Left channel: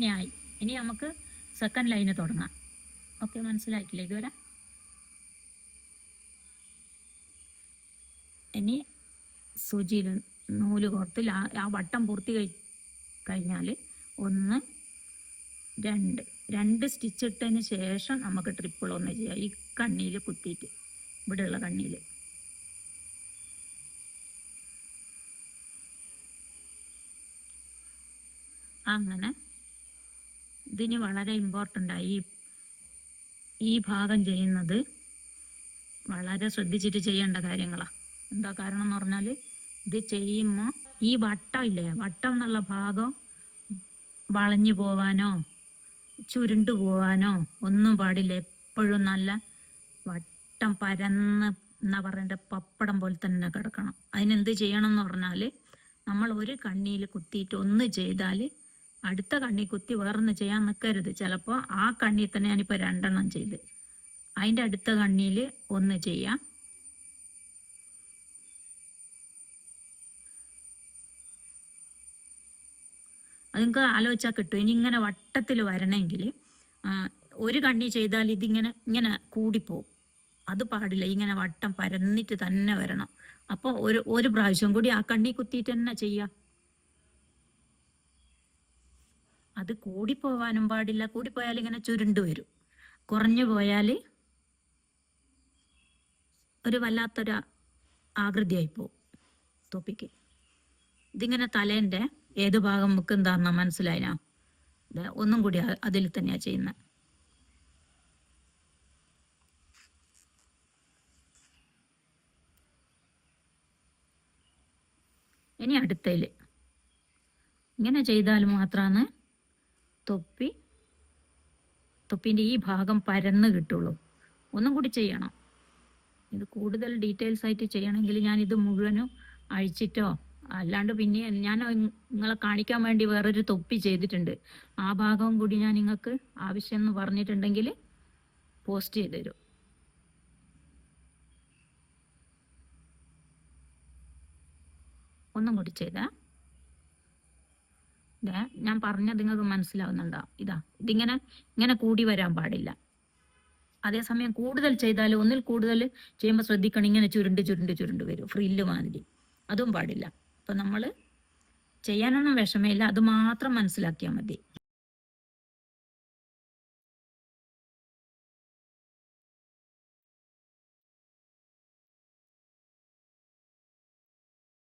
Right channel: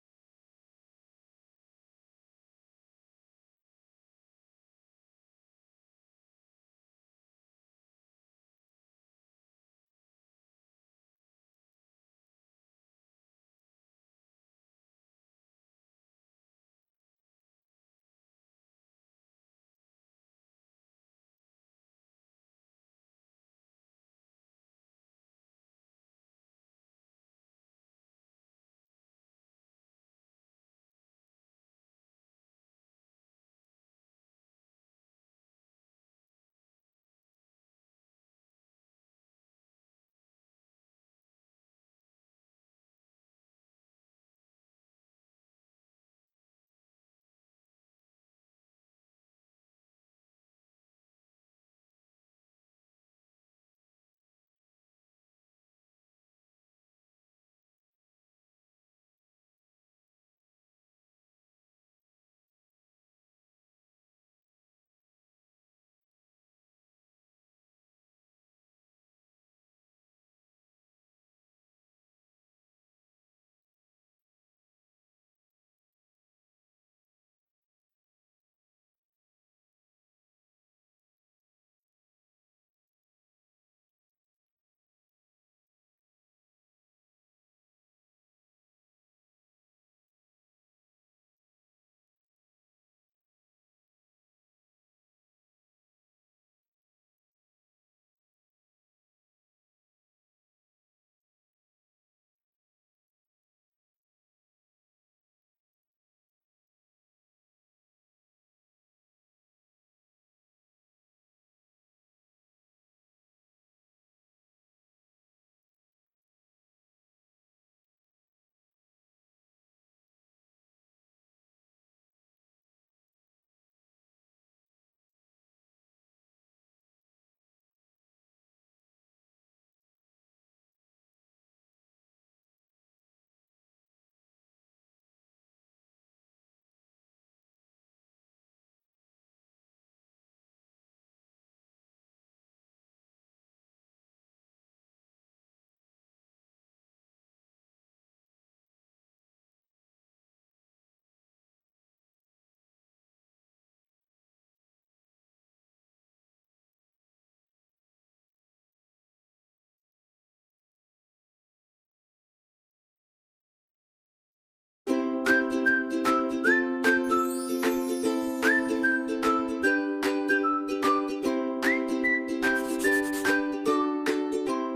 ഇങ്ങനെയായി. ഇനി നമുക്ക് സെക്കൻഡ് ലൈന് തുടങ്ങാം. ഓക്കെ, മനസ്സിലായിട്ടില്ല ഇതുവരെ? ഇനി സൂചിയിൽ നൂല് കോർത്ത് ആ വട്ടം പൂർത്തി കഴിഞ്ഞാൽ 1 2 സ്റ്റിച്ച് ഇട്ടതിന് ശേഷം നമുക്ക് ട്രിപ്പിൾ 1 ചെയ്യാം. ഈ കണ്ണിയിൽ കുത്തിയിട്ട്, ഇവിടെയുള്ള കണ്ണിയിൽ. അങ്ങനെ ഇതിന് വളരെ ഇമ്പോർട്ടൻ്റായി. ഈ ഭാഗം ചെയ്യുന്നത് വളരെ ശ്രദ്ധിച്ചിട്ട് ചെയ്യേണ്ട കാര്യങ്ങളാണ്. എന്താ കാരണം എന്ന് പറഞ്ഞാൽ, ഇത് ചെയ്യുമ്പോൾ ഈ വട്ടം ഇല്ലേ, വട്ടം എന്നുള്ള ഭാഗം വളഞ്ഞു പോവാനോ ചുരുണ്ടു പോവാനോ ഒന്നും പാടില്ല. എപ്പോഴും നല്ല വട്ടം പരന്ന് എന്നാ പറയണ്ട, പപ്പടം പോലെ തന്നെ കിടക്കണം. അതിനെന്ത് ചെയ്യണം എന്ന് പറഞ്ഞാൽ, നമ്മൾ ഒരു കണ്ണിയിൽ കുത്തിയിട്ട് ഒന്ന് ചെയ്താൽ അടുത്ത കണ്ണി കുത്തി വേറൊന്ന് ചെയ്യാൻ നിൽക്കരുത്. ചിലപ്പോൾ ആ കണ്ണിൽ തന്നെ ഞാനിപ്പോൾ 2 എണ്ണം ചെയ്ത് അതിൻ്റെ അടുത്ത കണ്ണിയിൽ ഒന്ന് ചെയ്യാം. അത് നിങ്ങൾക്ക് ആലോചിച്ചാൽ കിട്ടും. ഇനി ഇങ്ങനെ വട്ടത്തിൽ വരണമെങ്കിൽ ഒരു കണ്ണി ചെയ്താൽ ഇങ്ങനെ കൂടിപ്പോവും. അത് പാടില്ല. ഇങ്ങനെ വട്ടം പരന്നിട്ട് തന്നെ വരണം. അപ്പോൾ ഒരു പ്രാവശ്യം കൂടി ആ കണ്ണി കുത്തിയിട്ട് തന്നെ ചെയ്യാം. അത് കൂടിപ്പോവാനും പാടില്ല. കൂടിപ്പോയാൽ ഇങ്ങനെ ചുരുണ്ടു വരും. കുറഞ്ഞു പോയാൽ ഒരു വല്ലാത്തൊരു ആകൃതിയായി പോവും തൊപ്പിക്ക്. ഇതിങ്ങനെ തലേൻ്റെ ഏത് ഭാഗം നമുക്ക് എന്താണെന്നാ മനസ്സിലായിനാ? ഒന്നും കൂടി അതിൽ തന്നെയാണ് ചെയ്യുന്നത്. ഇനി അടുത്തതിൽ ഇങ്ങനെ ചെയ്താൽ മാത്രമാണ് തൊപ്പിൻ്റെ ഈ ഭാഗം പരന്ന് കിട്ടുള്ളൂ. ഒന്നും കൂടി ചെയ്യണം. ഇത് കൂടുതൽ ഡീറ്റെയിൽസ് ആയിട്ട് ചെയ്യണമെങ്കിൽ ഞാനിത് മുഴുവനും അഴിച്ചിട്ടോ, അല്ലാണ്ട് പിന്നെ ഞാൻ നിങ്ങളെ കാണിക്കാൻ വേണ്ടി വേറൊരു തൊപ്പി ചെയ്തിട്ടുണ്ട്. ആ ഭാഗവും കൂടി ഞാൻ നിങ്ങൾക്ക് ആവശ്യം എന്ന് പറഞ്ഞിട്ടുണ്ടെങ്കിൽ പോസ്റ്റ് ചെയ്ത് തരും. ഒന്നും കൂടി ചെയ്താ ഞാൻ പറഞ്ഞത് നിങ്ങൾക്ക് മനസ്സിലാവുന്നുണ്ടോ? ഇതിങ്ങനെ കൂടി വരാൻ പാടില്ല. അതേസമയം കൂടുതൽ ചെയ്താൽ, ഒന്നിൽ കൂടുതൽ ചെയ്യുമ്പോൾ ശ്രദ്ധിക്കണം, ഇങ്ങനെ ചുരുണ്ട് വരും, ഫ്രില്ല് മാതിരി. അതും പാടില്ല. അപ്പം നമ്മൾ ചെയ്യാനൊന്നും വിഷമമില്ല, അത് മാത്രം മനസ്സിലാക്കിയാൽ മതി.